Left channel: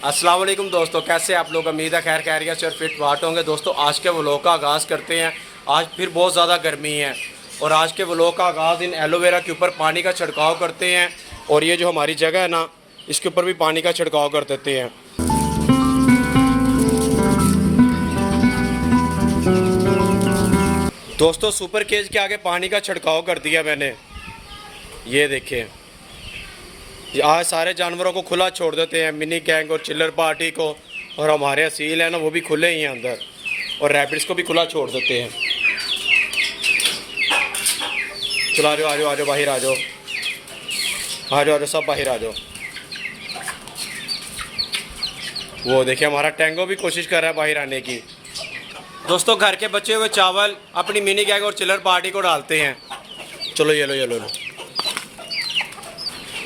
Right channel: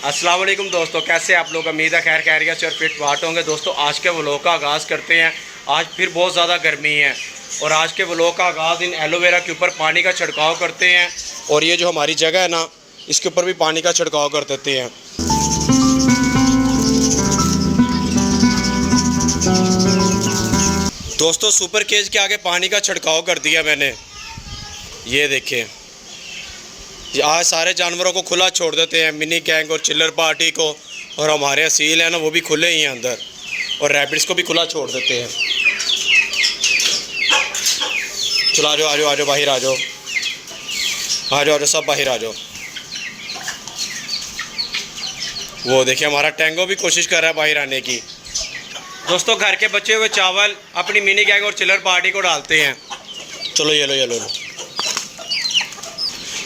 अस्सलाम वालेकुम दोस्तों, कैसे आप लोग। उम्मीद है खैर खैरियत से और फिट फाट होंगे। दोस्तों आज के व्लॉग का आगाज़ करते हैं। आज फिर बहुत ज़्यादा गर्मी है और आज के व्लॉग का आगाज़ इन एलोवेरा के ऊपर पानी का छिड़काव करते हैं। और ये जो हमारी जगह है ना, इसके ऊपर भी पानी का छिड़काव कर देते हैं। दोस्तों सुपर केज के आगे पानी का छिड़काव कर दिया मैंने। ये देखें, आज सारे जानवरों को खुला छोड़ देते हैं, मिनी गैंग और चिल्लर पार्टी को, और हमारे असील हैं ना वो भी खुले ही हैं अंदर, और रैबिट्स को भी खुला छोड़ देते हैं। चलो आ जाओ आ जाओ आ जाओ, बाहर आ जाओ, आ जाओ आ जाओ, सब बाहर आ जाओ। वो देखिए हमारा टैंगो भी कोशिश कर रहा है बाहर आने की। दोस्तों घर के बचे हुए चावल अपनी मिनी गैंग और चिल्लर पार्टी को डालते हैं। चलो ये लो ये लो लो।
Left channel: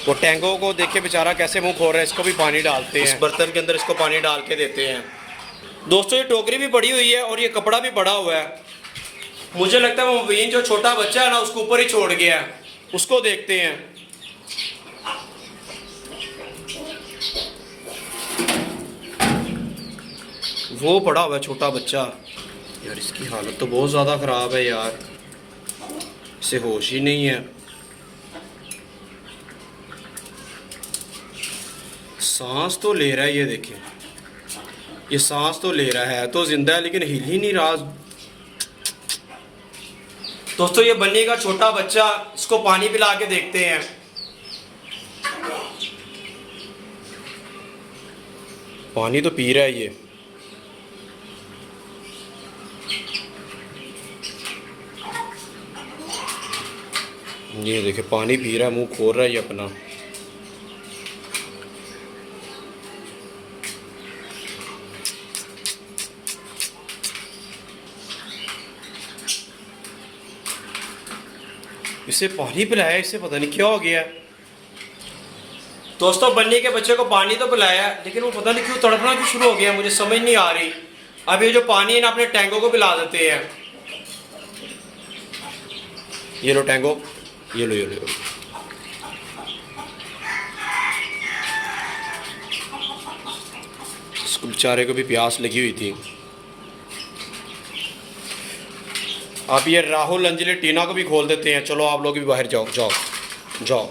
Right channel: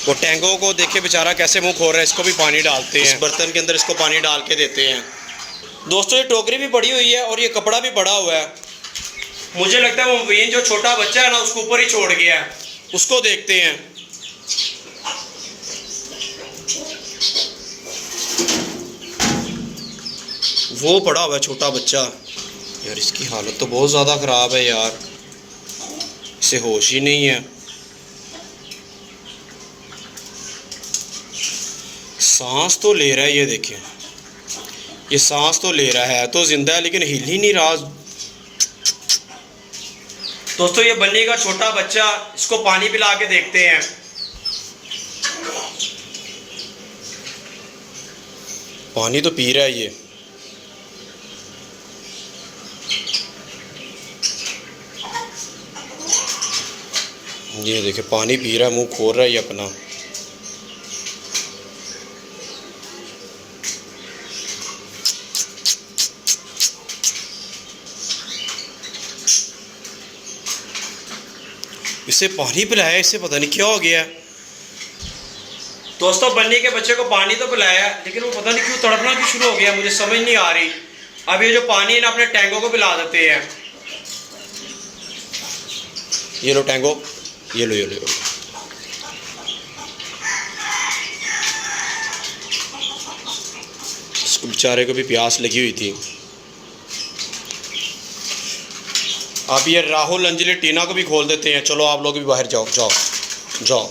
वो टैंगो को देखे बेचारा कैसे मुंह खोल रहा है, इसको भी पानी डालते हैं। इस बर्तन के अंदर इसको पानी डाल के देते हैं। दोस्तों ये टोकरी भी पड़ी हुई है और ये कपड़ा भी पड़ा हुआ है। मुझे लगता है वो मुबीन जो छोटा बच्चा है ना उसको ऊपर ही छोड़ गया है, उसको देखते हैं। वो पड़ा हुआ है छोटा बच्चा। यार इसकी हालत तो बहुत ज़्यादा ख़राब है यार, इसे होश ही नहीं है। सांस तो ले रहा है, ये देखें, ये सांस तो ले रहा है, तो जिंदा है लेकिन हिल ही नहीं रहा। दोस्तों ये बल्ली का छोटा बच्चा, इसको पानी पिला के देखते हैं। पानी तो पी रहा है ये देखे पानी पी रहा है, मुंह खोल रहा है ये अपना। इसे पानी पिलाया, इससे पता नहीं क्या हो गया है। दोस्तों बन्नी के बच्चे को पानी तो पिलाया लेकिन वो पता नहीं क्यों तड़पना क्यों शुरू हो गया, मुझे समझ नहीं आ रही। अब ये जो पानी है ना अपने टैंगो को पिला देते हैं। ये लो टैंगो, ये लो ये लो। इसको बेचारे को भी प्यास लगी हुई थी। अब ये राहुल अंजलि टीना को भी खोल देते हैं। चलो आप लोग भी बाहर जाओ जाओ जाओ,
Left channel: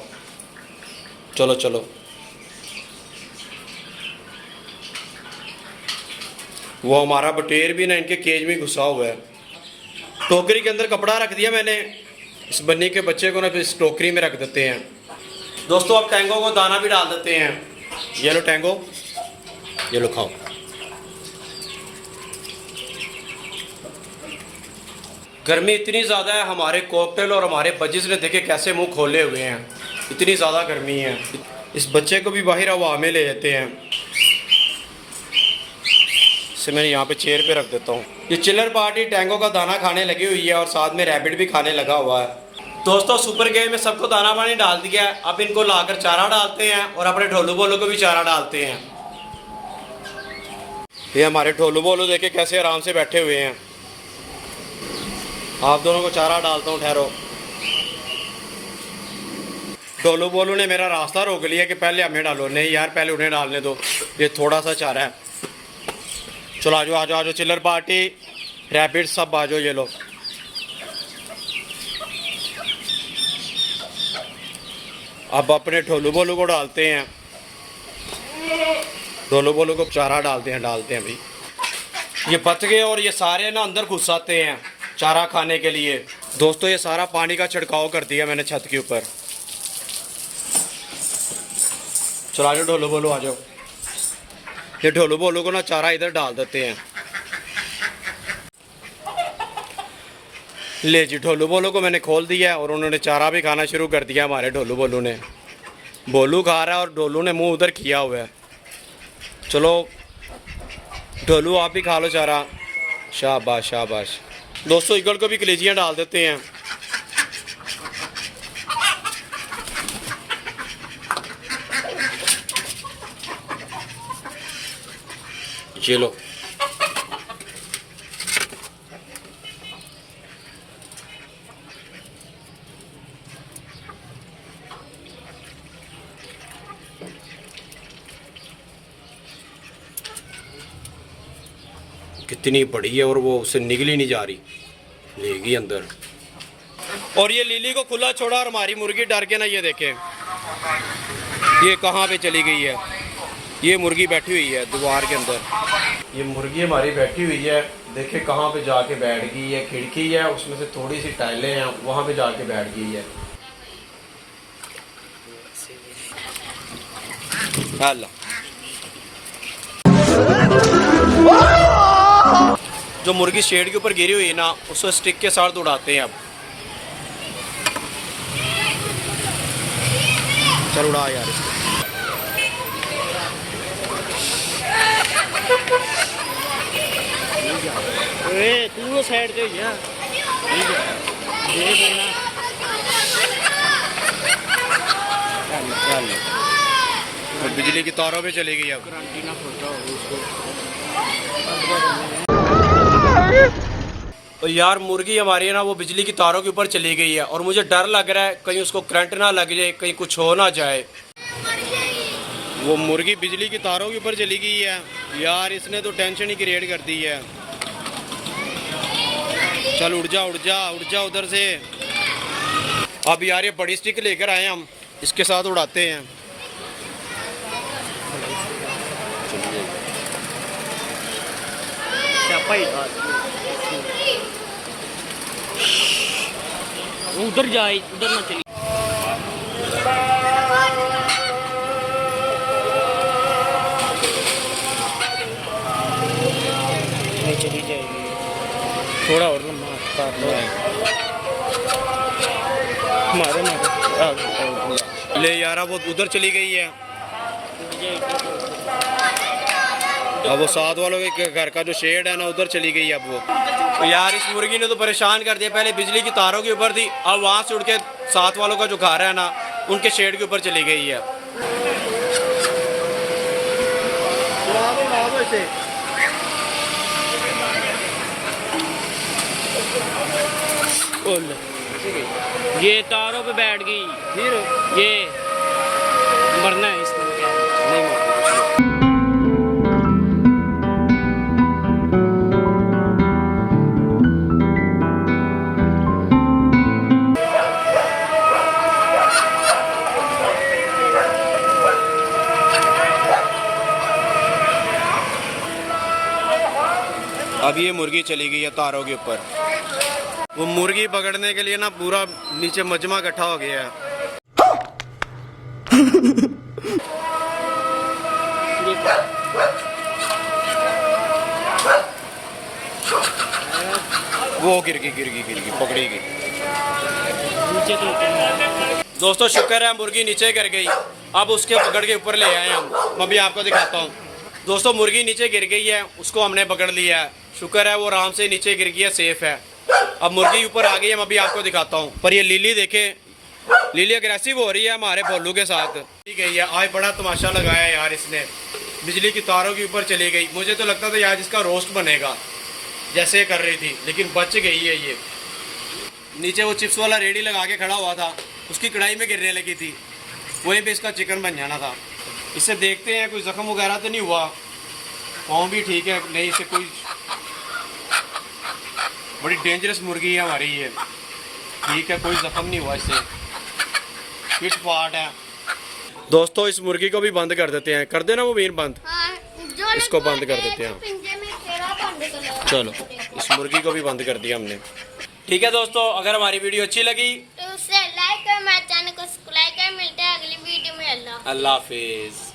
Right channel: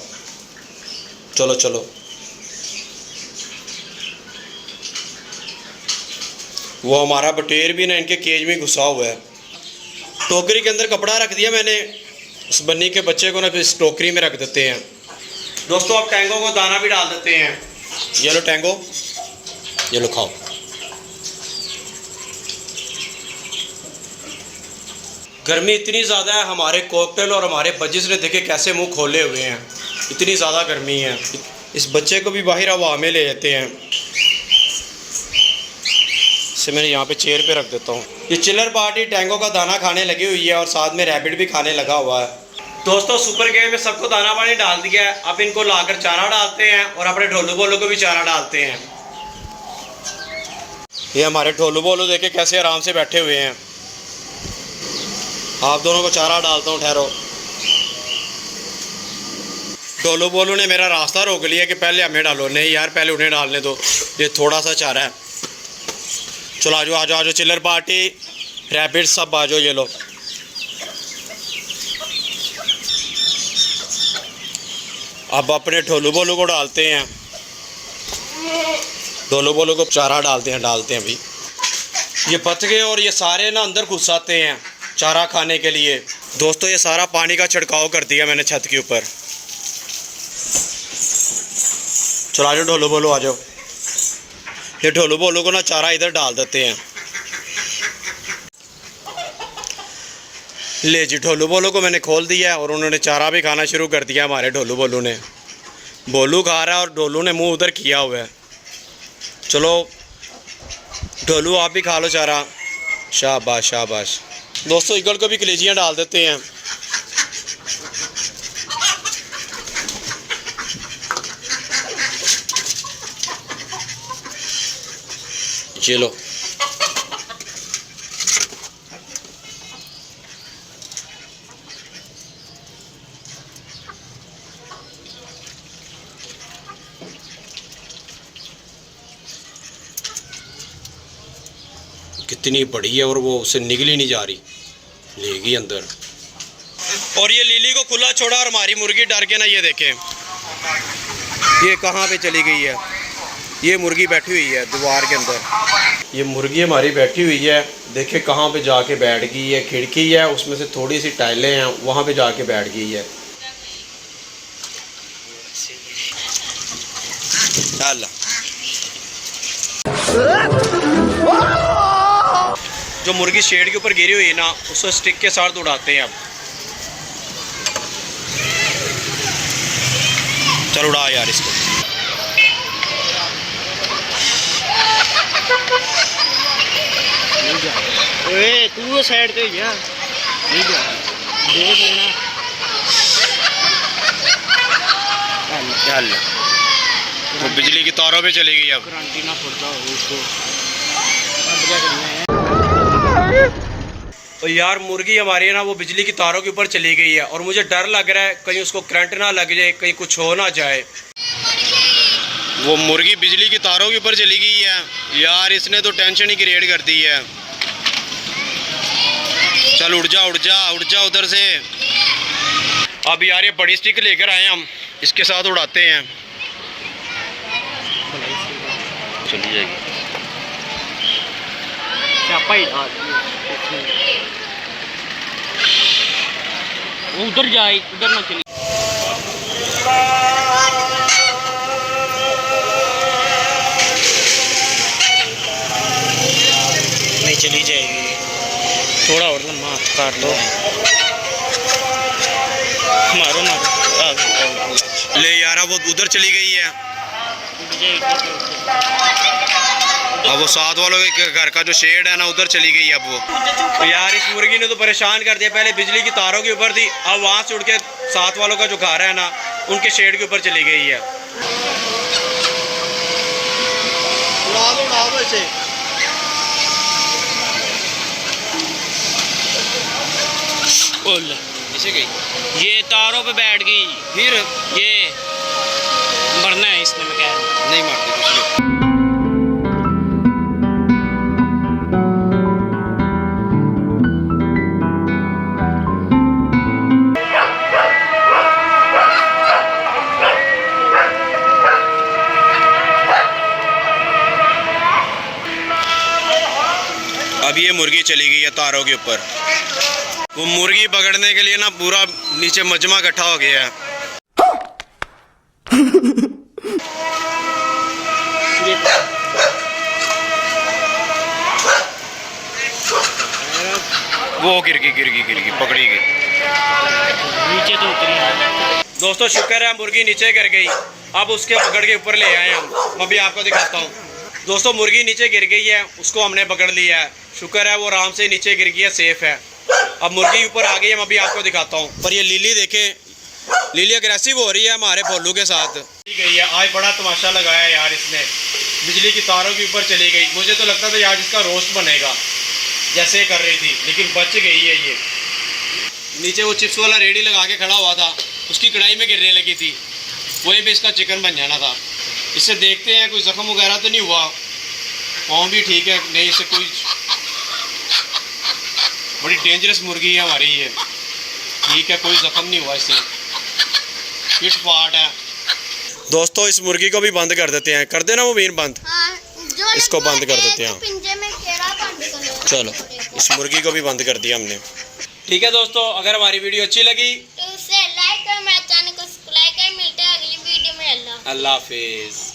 चलो चलो। वो हमारा बटेर भी ना इनके केज में घुसा हुआ है। टोकरी के अंदर कपड़ा रख दिया मैंने, इस बन्नी के बच्चे को ना फिर इस टोकरी में रख देते हैं। दोस्तों अब टैंगो को दाना भी डाल देते हैं। ये लो टैंगो, ये लो खाओ। गर्मी इतनी ज़्यादा है, हमारे कॉकटेल और हमारे बजिस ने देखे कैसे मुंह खोले हुए हैं, इतनी ज़्यादा गर्मी है। इस बच्चे को भी बाहर हवा में ले लेते हैं। इसे मैंने यहाँ पे चेयर पे रख देता हूँ। ये चिल्लर पार्टी टैंगो का दाना खाने लगी हुई है और साथ में रैबिट भी खाने लगा हुआ है। दोस्तों सुपर गेम में सबको दाना पानी डाल दिया है। अब इनको लाकर चारा डालते हैं और अपने ढोलू बोलू को भी चारा डालते हैं। ये हमारे ढोलू बोलू देखे कैसे आराम से बैठे हुए हैं। आप दोनों को चारा डालता हूँ, ठहरो। ढोलू बोलू ने मेरा रास्ता रोक लिया कि पहले हमें डालो। नहीं यार पहले उन्हें डालने दो, ये थोड़ा सा चारा है। चलो आ जाओ आ जाओ आ जाओ, चिल्लर पार्टी रैबिट सब आ जाओ। ये लो, अब अपने ढोलू बोलू को डालते हैं। ढोलू बोलू को चारा डालते हैं भाई। ये पच गए और ये सारे ना अंदर घुस आते हैं चारा खाने के लिए। दोस्तों ये सारा पानी का छिड़काव कर दिया मैंने छत के ऊपर। चलो आ जाओ ढोलू बोलू आ जाओ। ये ढोलू बोलू को ना चारा इधर डाल देते हैं। ले जी, ढोलू बोलू को मैंने खोल दिया और उन्होंने चारा भी खाना शुरू कर दिया। हमारे ढोलू बोलू ने, बोलू खा रहा है और ढोलू ने मुंह उधर किया हुआ है। चलो ढोलू आप भी खा लो चारा, शाबाश शाबाश। दोस्तों ईगल को भी कलेजियाँ डाल देते हैं। चलो कितनी बड़ी है और वो उससे निकल ही नहीं जा रही, लेगी अंदर। और ये लिली को खुला छोड़ा और हमारी मुर्गी डर के ना, ये देखें ये कहाँ पे चली गई है। ये मुर्गी बैठी हुई है दीवार के अंदर, ये मुर्गी हमारी बैठी हुई है, देखे कहाँ पे जाके बैठ गई है। खिड़की है उसमें से थोड़ी सी टाइलें हैं, वहाँ पे जाके बैठ गई है। अल्लाह, जो मुर्गी शेड के ऊपर गिरी हुई है ना, उसको स्टिक के साथ उड़ाते हैं। अब चल उड़ा यार इसको। तू साइड पे जा, वो बिजली की तारों पे चली गई। अब तो यार मुर्गी हमारी है ना, वो बिजली की तारों के ऊपर चली गई है और मुझे डर लग रहा है कहीं उसको करंट ना लग जाए, कहीं कुछ हो ना जाए। वो मुर्गी बिजली की तारों के ऊपर चली गई है यार, इसने तो टेंशन ही क्रिएट कर दी है। चल उड़ जा उड़ जा उड़ जा उधर से। अब यार ये बड़ी स्टिक लेकर आए हम, इसके साथ उड़ाते हैं। चली जाएगी। उधर जाए, उधर ना चली। नहीं चली जाएगी, थोड़ा और लम्बा काट लो। मारो मारो। ले यार वो उधर चली गई है। अब वो साथ वालों के घर का जो शेड है ना, उधर चली गई अब वो। तो यार इस मुर्गी ने तो परेशान कर दिया। पहले बिजली की तारों के ऊपर थी, अब वहाँ से उड़ के साथ वालों का जो घर है ना, उनके शेड के ऊपर चली गई है। गई ये तारों पे बैठ गई, फिर ये मरना है इसने। मैं कह रहा हूँ नहीं मरती। अब ये मुर्गी चली गई है तारों के ऊपर। वो मुर्गी पकड़ने के लिए ना पूरा नीचे मजमा इकट्ठा हो गया है। वो गिर गई पकड़ी गई। नीचे तो उतरी। दोस्तों शुक्र है मुर्गी नीचे गिर गई। अब उसके पकड़ के ऊपर ले आए हम। मैं भी आपको दिखाता हूँ। दोस्तों मुर्गी नीचे गिर गई है, उसको हमने पकड़ लिया है। शुक्र है वो आराम से नीचे गिर गई है, सेफ है। अब मुर्गी ऊपर आ गई है, मैं भी आपको दिखाता हूँ। पर ये लिली देखें, लिली अग्रेसिव हो रही है हमारे भोलू के साथ। गई है आज, बड़ा तमाशा लगाया यार इसने। बिजली की तारों के ऊपर चली गई। मुझे तो लगता था यार इसका रोस्ट बनेगा जैसे कर रही थी, लेकिन बच गई है ये। नीचे वो चिप्स वाला रेडी लगा के खड़ा हुआ था, उसकी कढ़ाई में गिरने लगी थी, वहीं पे इसका चिकन बन जाना था। इससे देखते हैं कोई ज़ख्म वगैरह तो नहीं हुआ। पाँव भी ठीक है, नहीं इससे कोई। बड़ी डेंजरस मुर्गी है हमारी ये। ठीक है, कोई ज़ख्म नहीं हुआ इससे, फिट फाट है। दोस्तों इस मुर्गी को भी बंद कर देते हैं। कर देना वो वीर बंद। हाँ, इसको बंद कर देते हैं। चलो इस मुर्गी को भी बंद कर दिया हमने। ठीक है दोस्तों, अगर हमारी वीडियो अच्छी लगी तो उसे लाइक कर, मेरे चैनल को सब्सक्राइब कर। मिलते हैं अगली वीडियो में। अल्लाह हाफिज़।